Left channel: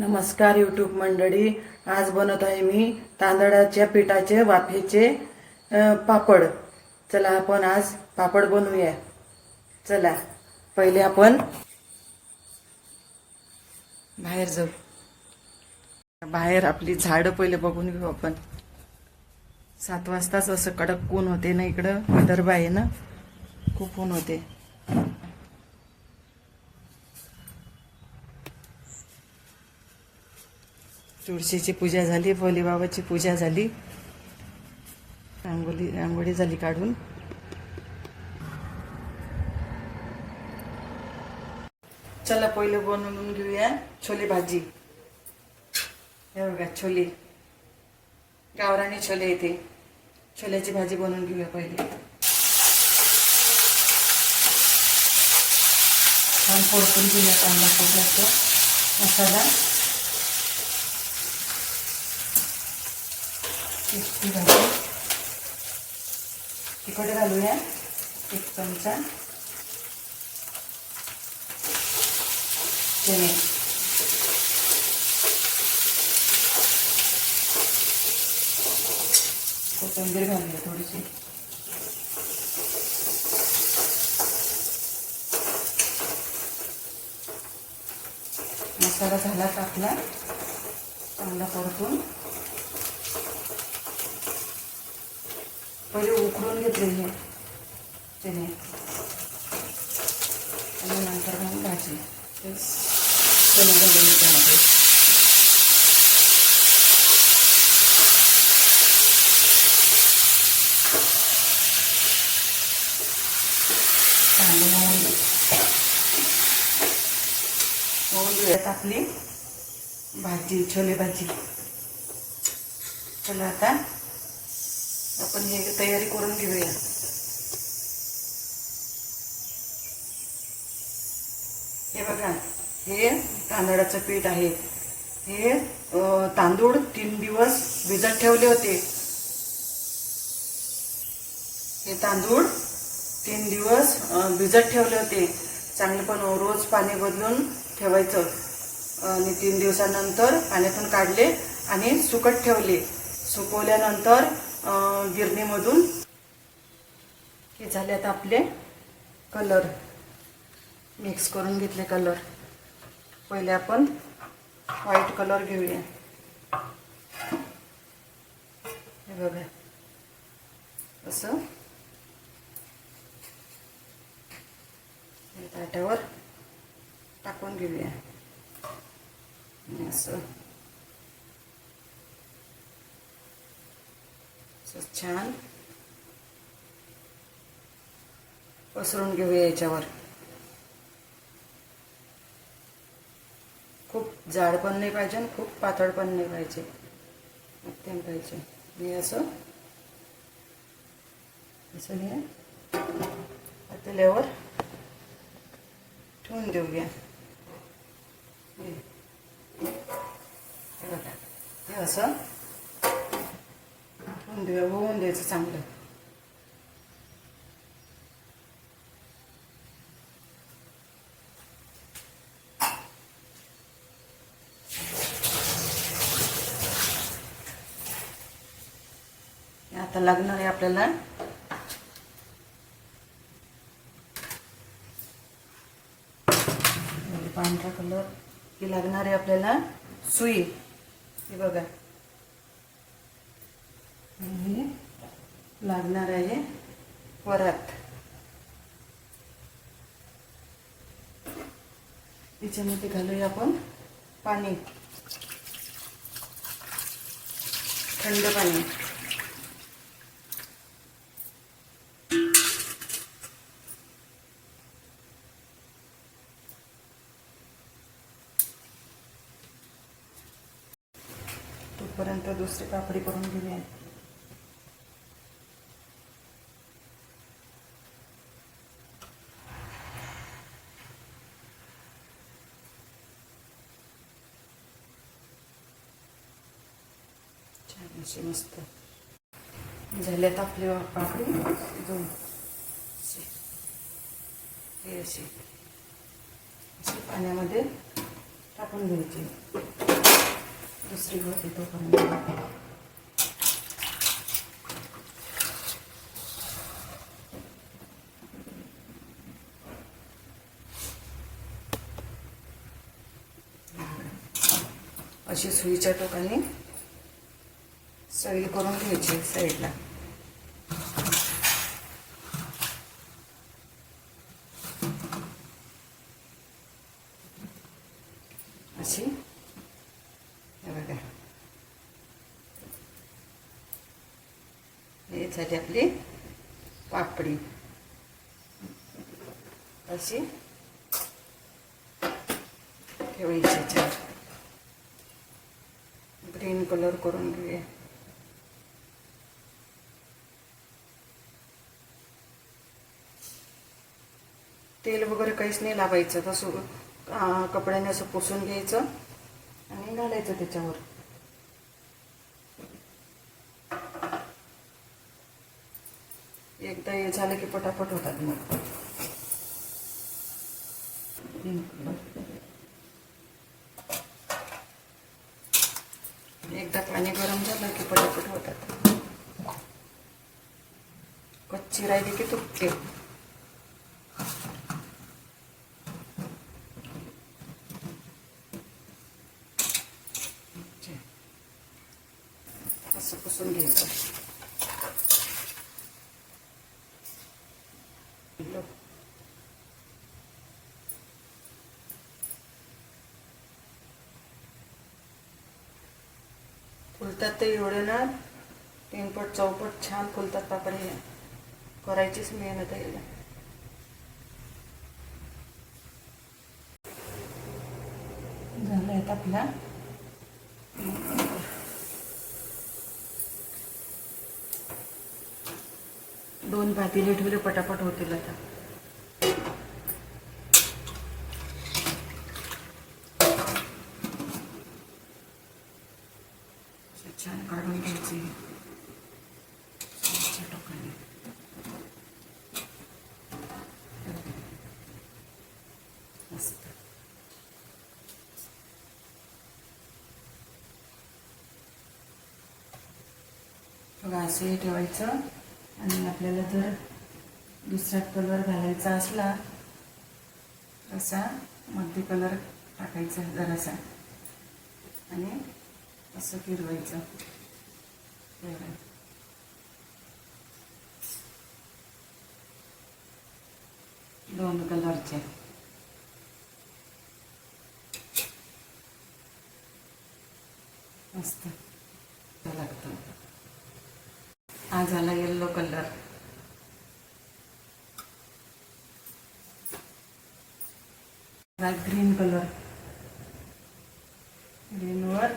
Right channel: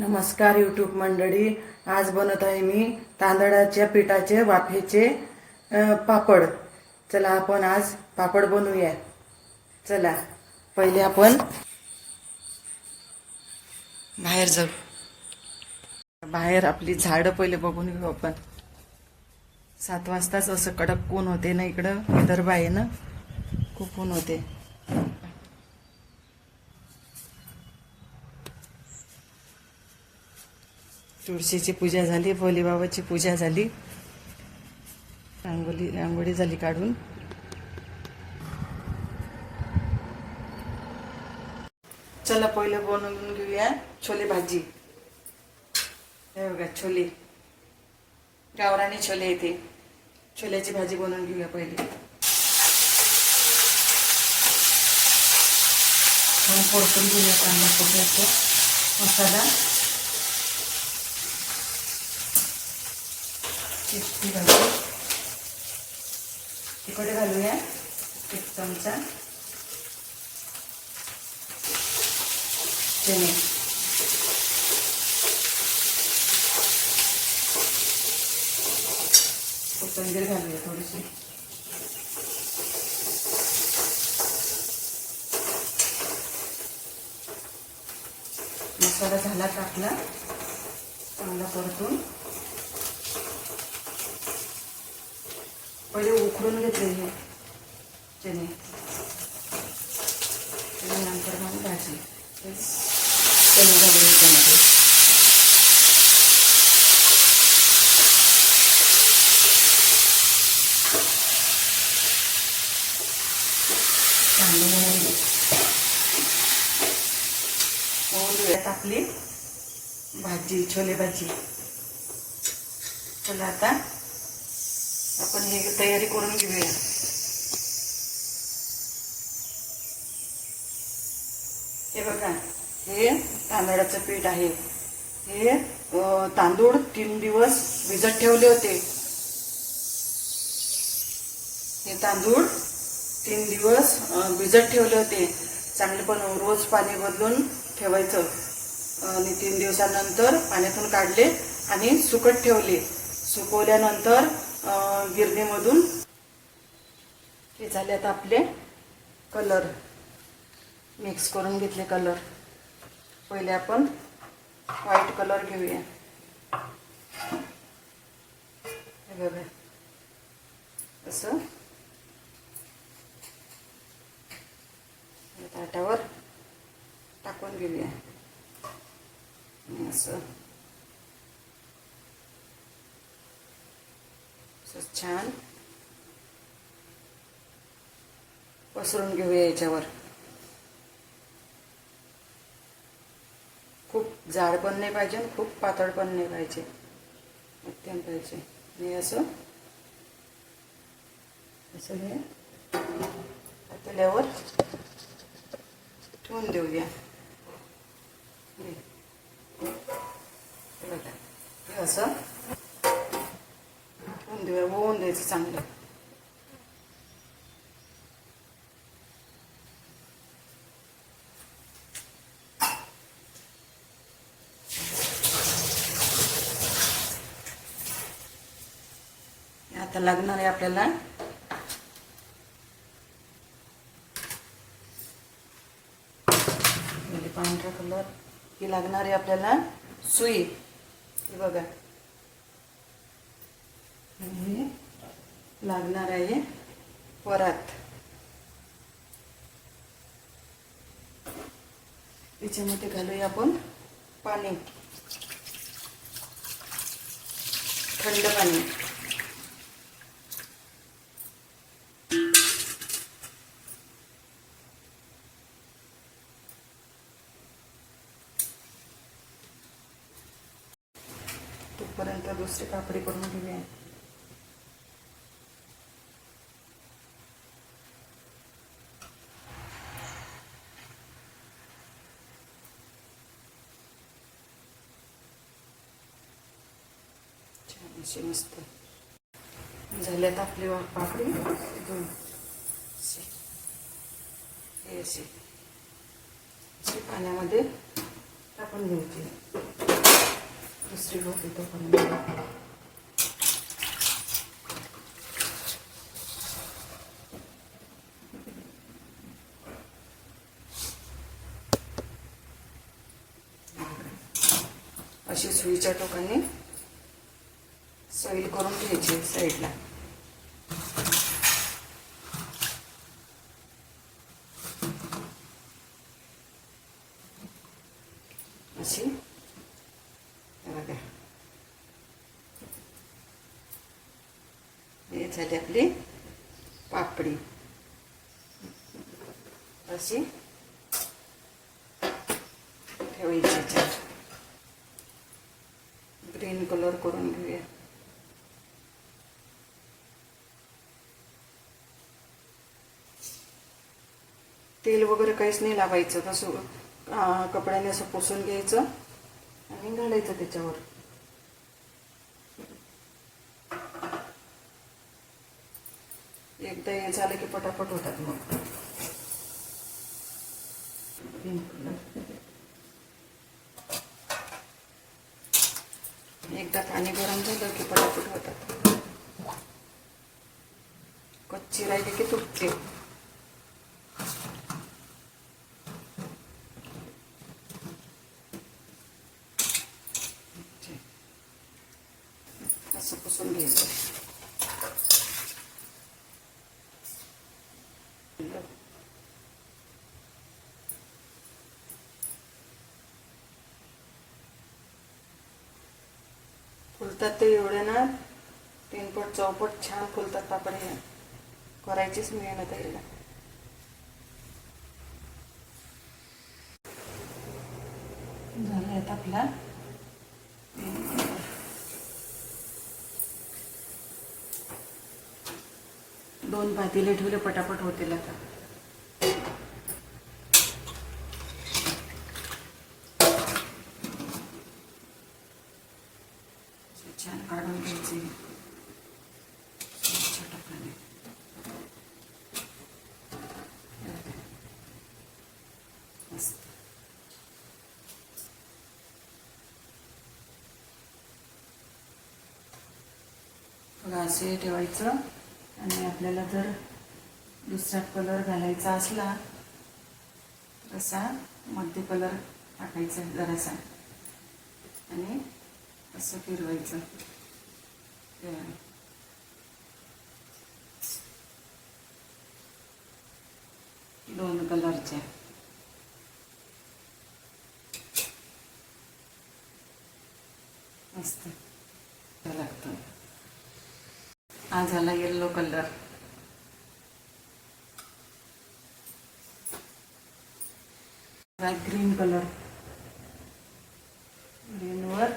नमस्कार यूट्यूब मंडळी. आज बनवत आहे मी तांदळाच्या पिठाचे वाफेचे पापड. चला आपण आज पापड बनवूया. चला पहिले आपण बाहेर जाऊ. बाहेर आपली झाडं पहिले बघून घेऊ आपण. सात वाजताच असं कडक ऊन होते ना इकडं. विदर्भ आहे ना? खूप ऊन होते. तुळशीची पूजा झाली भोलेबाबाची पूजा झाली. रांगोली रांगोळी झाली काढून. चला पहिले बनवून घेऊया छोले भाजी. हे बघा छोले. गावराने छोले येते. छोल्याची भाजी बनवून घेऊया पहिले. छान परतून घेऊया कांदा खोबऱ्याचा मसाला. चिटकी घालू तिकडे घालूया. एक चमचा. चणे. कोथिंबीर घालूया थोडीशी. मसाला झाला टाकला चांगला परतून. पहिले उकडून घेतले हे. चणे आणि नंतर मग भाजी. चणे घालून त्यामध्ये कांदे होऊन आपली भाजी छोले भाजी. चला आता आपण हे तयारी करून घेऊया. हे बघा हे तांदळाचं पीठ आहे. हे तांदूळ तीन दिवस भिजत ठेवले होते. हे तांदूळ तीन दिवस भिजत ठेवले होते. चांगले पण रोज पाणी बदलून ठेवायचं. आणि तीन दिवसानंतर पाण्यातून काढले आणि सुकत ठेवले. सुकवल्यानंतर गिरणीमधून. हे झाले आता आपले कलर. मिक्स करून घेतले कलर. पहिले आपण व्हाईट कलर घेऊया. हे बघा. असं. ताटावर टाकून घेऊया. असं. छान. पसरून घेऊया याच्यावर. खूप जाड पण नाही पाहिजे आणि खूप पातळ पण नाही पाहिजे. मध्यम पाहिजे. हे असं. असं हे पातळ्यावर ठेवून देऊया. बघा. हे असं. देऊया चांगलं. आता लागणार आहे आपल्याला म्हणजे पांढरा कलर ही लागणार आहे आपल्याला सुई. हे बघा हे लागणार आहे वरात. याच्यामध्ये घालूया आपण पाणी. थंड पाणी. तोपर्यंत दुसरी पापडी करून घेऊया. छान अशी मस्त झाल्यात आपले पापडी दोन अशी. हे अशी पाण्यामध्ये टाकून घ्यायचे दुसरी होती पाण्यामध्ये अशी सुईच्या टोकाने सैल करून घ्यायची साईडला. अशी. बघा. हे झाली आपली पापडी. अशी. ठेवायची ग्रीन कलर करून घेऊया. तेल वगैरे काहीच नाही लावायचं. तसं कपड्याने असं पुसून घ्यायचं आणि घालायचं त्याच्यावर. एकदा हे झालं की पटापट होतात मग. एकदा पाणी गरम झालं की पटापट होतात. कच्ची राहिली की तुटते. असं पुसून घ्यायचं लो. फुलतात ते एवढे ना तीनपट चौपट छान फुलतात पापड हे. करायचीच मेहनत आहे झालं आहेत आपला. दोन भातीले ठेवले पटापट होतील आता. छान काढून घ्यायचे. असे ठेवायचं. आणि आपल्याला जर दुसरा कलर घालायचा असला तसा मध्य कलर टाकायचा जरासा. आणि असं फिरवायचं. दोन कलरचे. मस्त. लागतं हा झाला येल्लो कलर ग्रीन कलर ग्रीनवर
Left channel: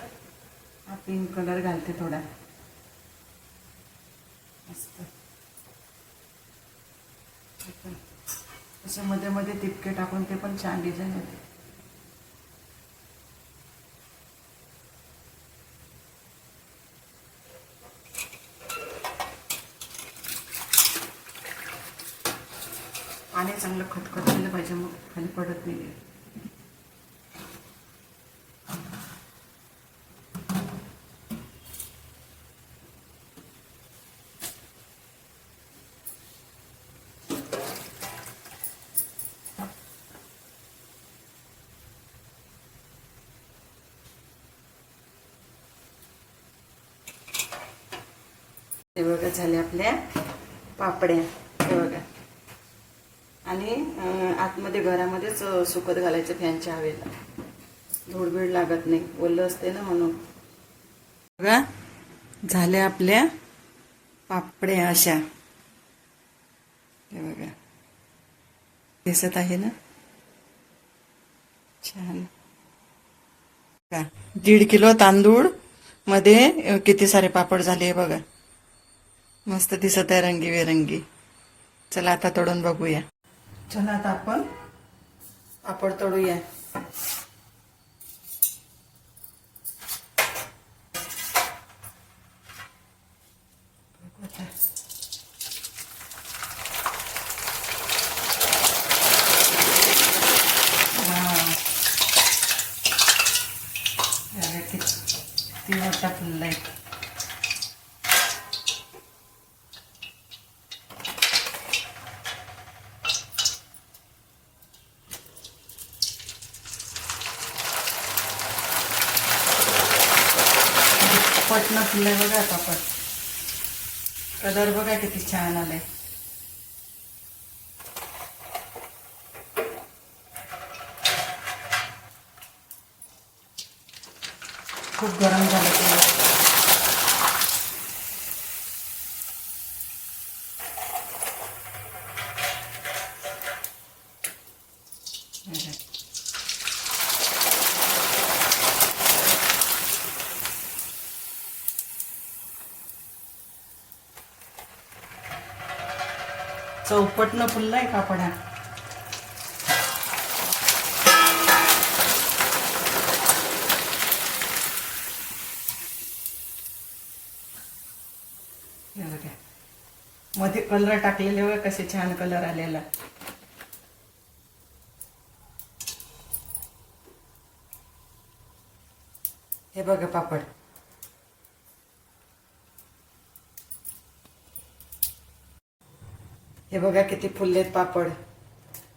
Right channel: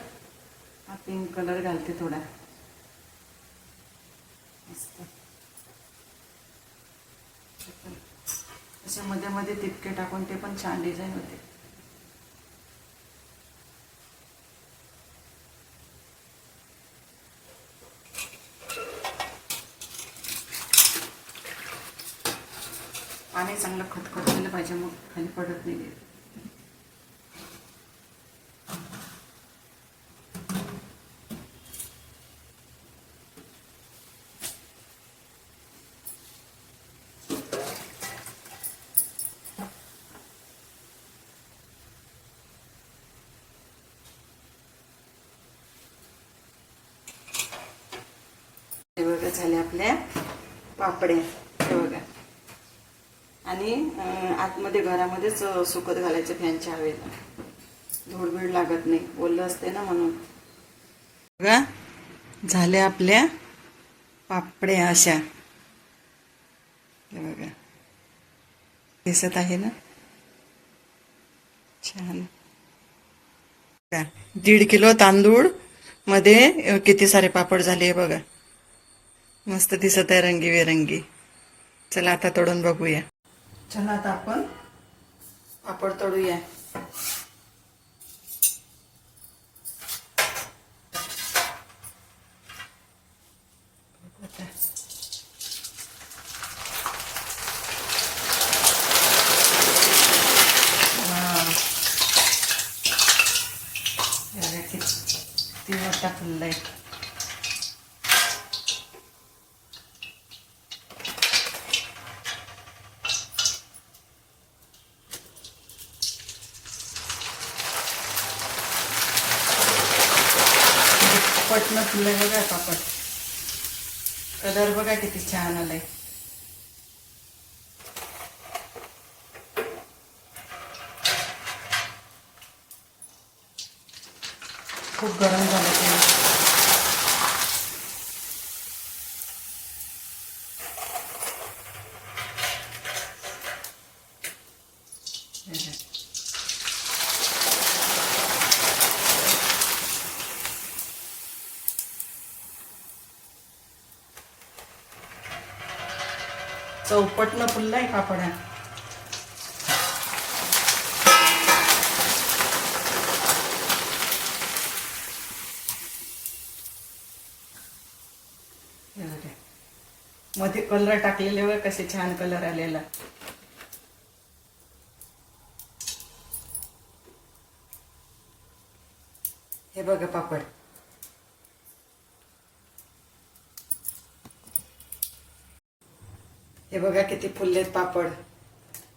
हा पिंक कलर घालते थोडा. मस्त. असे मध्ये मध्ये तितके टाकून ते पण छान डिझाईन होते पाणी चांगलं खतखत केलं पाहिजे मग खाली पडत नाही हे बघा झाले आपल्या पापड्या. हे बघा. आणि आतमध्ये घरामध्येच सुकत घालायचे फॅनच्या हवेला धूळबीड लागत नाही. ओलं असते ना म्हणून. बघा झाल्या आपल्या पापड्या अशा. बघा. दिसत आहे ना? छान. दीड किलो तांदूळमध्ये किती सारे पापड झाले हे बघा. मस्त दिसत आहे रंगीबेरंगी. चला आता तोडून बघूया. चला आता आपण पापड तळूया. किती किती मोठा फुलला आहे. पटणं फुललंय बघा पापड. कलर बघा किती छान आलाय. खूप गरम झालं ते. चौपटनं फुललाय पापड्या हे मध्ये कलर टाकलेले बघा कसे छान कलर आलेला. हे बघा पापड. हे बघा किती फुललेत पापड.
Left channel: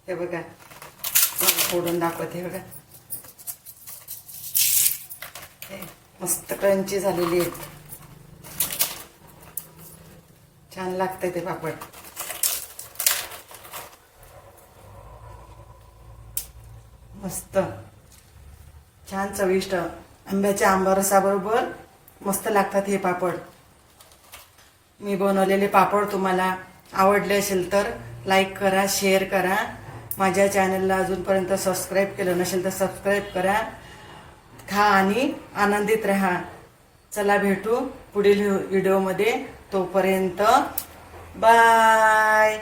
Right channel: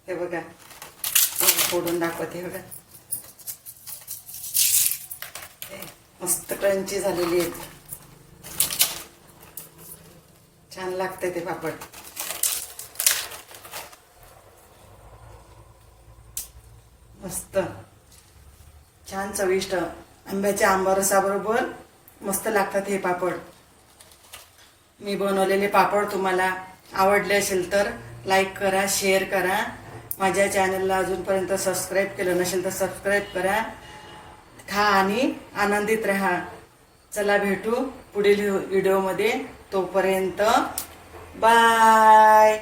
हे बघा. फोडून दाखवते हे बघा. हे मस्त क्रंची झालेली आहेत. छान लागतंय ते पापड. मस्त. छान चविष्ट. आंब्याच्या आंबारसाबरोबर मस्त लागतात हे पापड. मी बनवलेले पापड तुम्हाला आवडले असेल तर लाईक करा शेअर करा. माझ्या चॅनलला अजूनपर्यंत सबस्क्राईब केलं नसेल तर सबस्क्राईब करा. खा आणि आनंदित राहा. चला भेटू पुढील व्हिडिओमध्ये तोपर्यंत बाय